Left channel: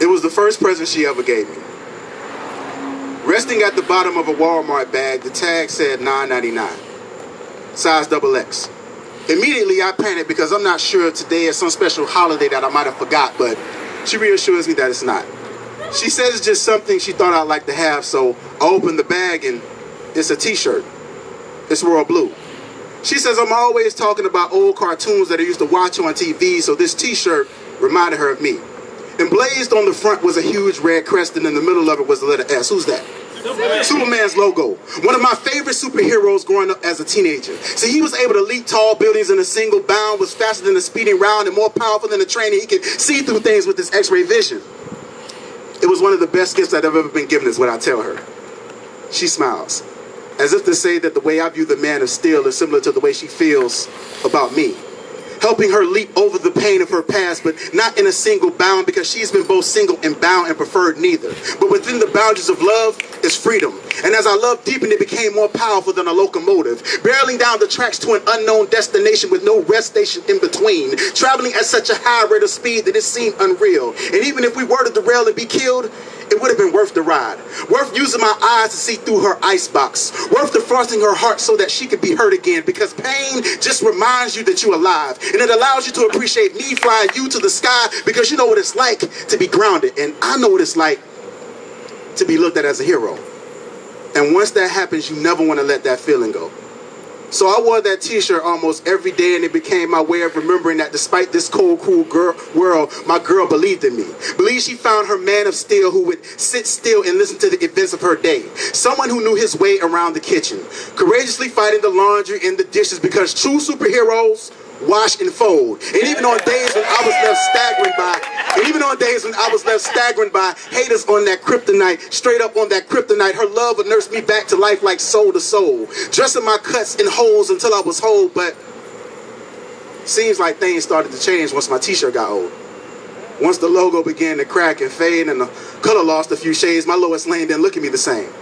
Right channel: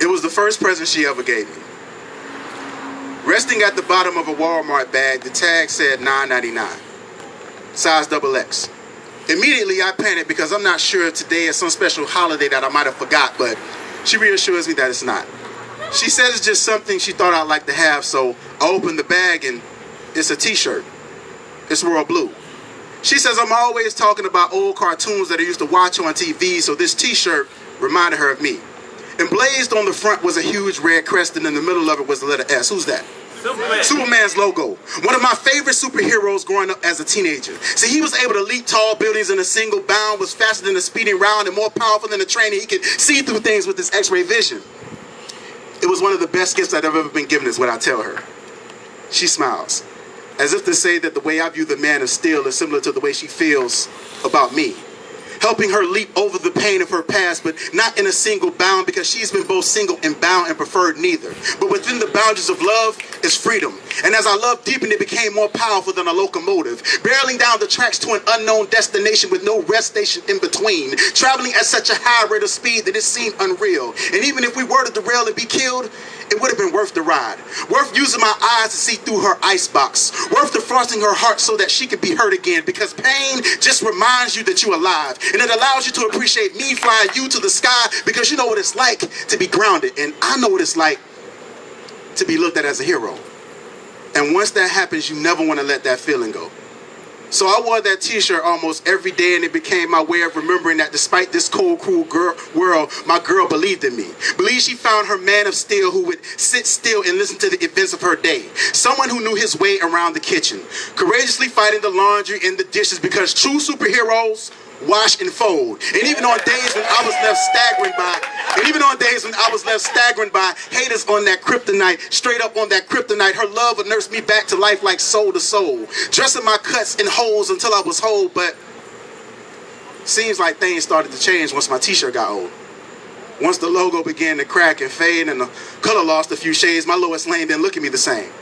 It was the first present she ever gave me. Resting at the bottom of a Walmart bag, the tag said $9.99, size XX. Immediately, I panicked because I'm not sure if today is some special holiday that I might have forgot, but she reassures me that it's not. She says it's just something she thought I'd like to have, so I opened the bag and it's a t-shirt. It's royal blue. She says I'm always talking about old cartoons that I used to watch on TV, so this t-shirt reminded her of me. Emblazed on the front was a huge red crest, and in the middle of it was the letter S. Who's that? Superman. Superman's logo. One of my favorite superheroes growing up as a teenager. See, he was able to leap tall buildings in a single bound, was faster than a speeding round, and more powerful than a train. He could see through things with his X-ray vision. It was one of the best gifts I've ever been given, is what I tell her. She smiles, as if to say that the way I view the Man of Steel is similar to the way she feels about me. Helping her leap over the pain of her past, but not in a single bound, because she's been both single and bound and preferred neither. But within the boundaries of love is freedom. And as our love deepened, it became more powerful than a locomotive, barreling down the tracks to an unknown destination with no rest station in between, traveling at such a high rate of speed that it seemed unreal. And even if we were to derail and be killed, it would have been worth the ride. Worth using my eyes to see through her icebox. Worth defrosting her heart so that she could be hurt again. Because pain just reminds you that you're alive. And it allows you to appreciate me flying you to the sky, because you know what it's like to be grounded. And I know what it's like to be looked at as a hero. And once that happens, you never want to let that feeling go. So I wore that t-shirt almost every day, and it became my way of remembering that despite this cold, cruel world, my girl believed in me. Believed she found her man of steel who would sit still and listen to the events of her day. Someone who knew his way around the kitchen, courageously fighting the laundry and the dishes, because true superheroes wash and fold. And even on days when I was left staggering by, haters on that kryptonite, straight up on that kryptonite, her love would nurse me back to life like soul to soul, dressing my cuts in holes until I was whole. But seems like things started to change once my t-shirt got old. Once the logo began to crack and fade and the color lost a few shades, my Lois Lane didn't look at me the same.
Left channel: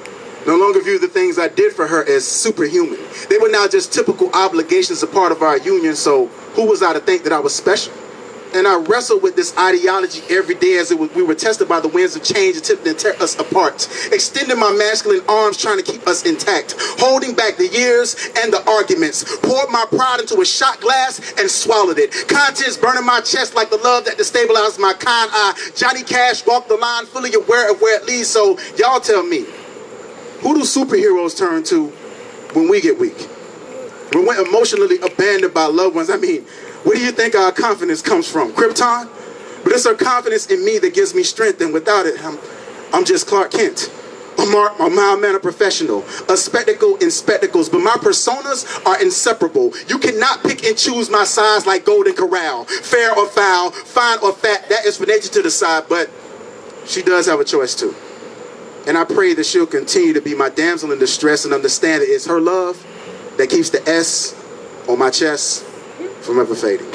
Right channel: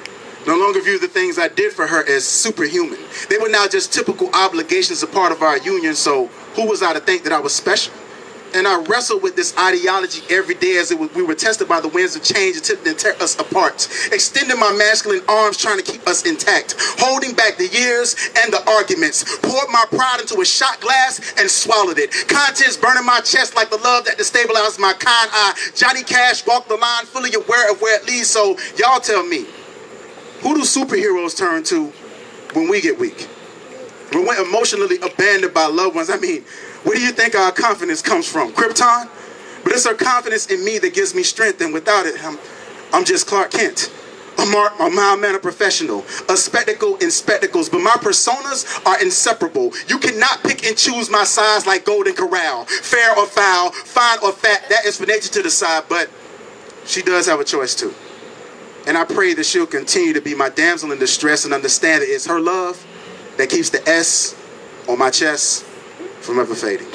No longer view the things I did for her as superhuman. They were now just typical obligations, a part of our union, so who was I to think that I was special? And I wrestled with this ideology every day as we were tested by the winds of change, attempting to tear us apart. Extending my masculine arms, trying to keep us intact. Holding back the years and the arguments. Poured my pride into a shot glass and swallowed it. Contents burning my chest like the love that destabilized my kind eye. Johnny Cash walked the line, fully aware of where it leads. So y'all tell me, who do superheroes turn to when we get weak? When we're emotionally abandoned by loved ones? I mean, where do you think our confidence comes from? Krypton? But it's her confidence in me that gives me strength, and without it, I'm just Clark Kent. A mild-mannered professional, a spectacle in spectacles, but my personas are inseparable. You cannot pick and choose my size like Golden Corral. Fair or foul, fine or fat, that is for nature to decide, but she does have a choice too. And I pray that she'll continue to be my damsel in distress and understand that it's her love that keeps the S on my chest from ever fading.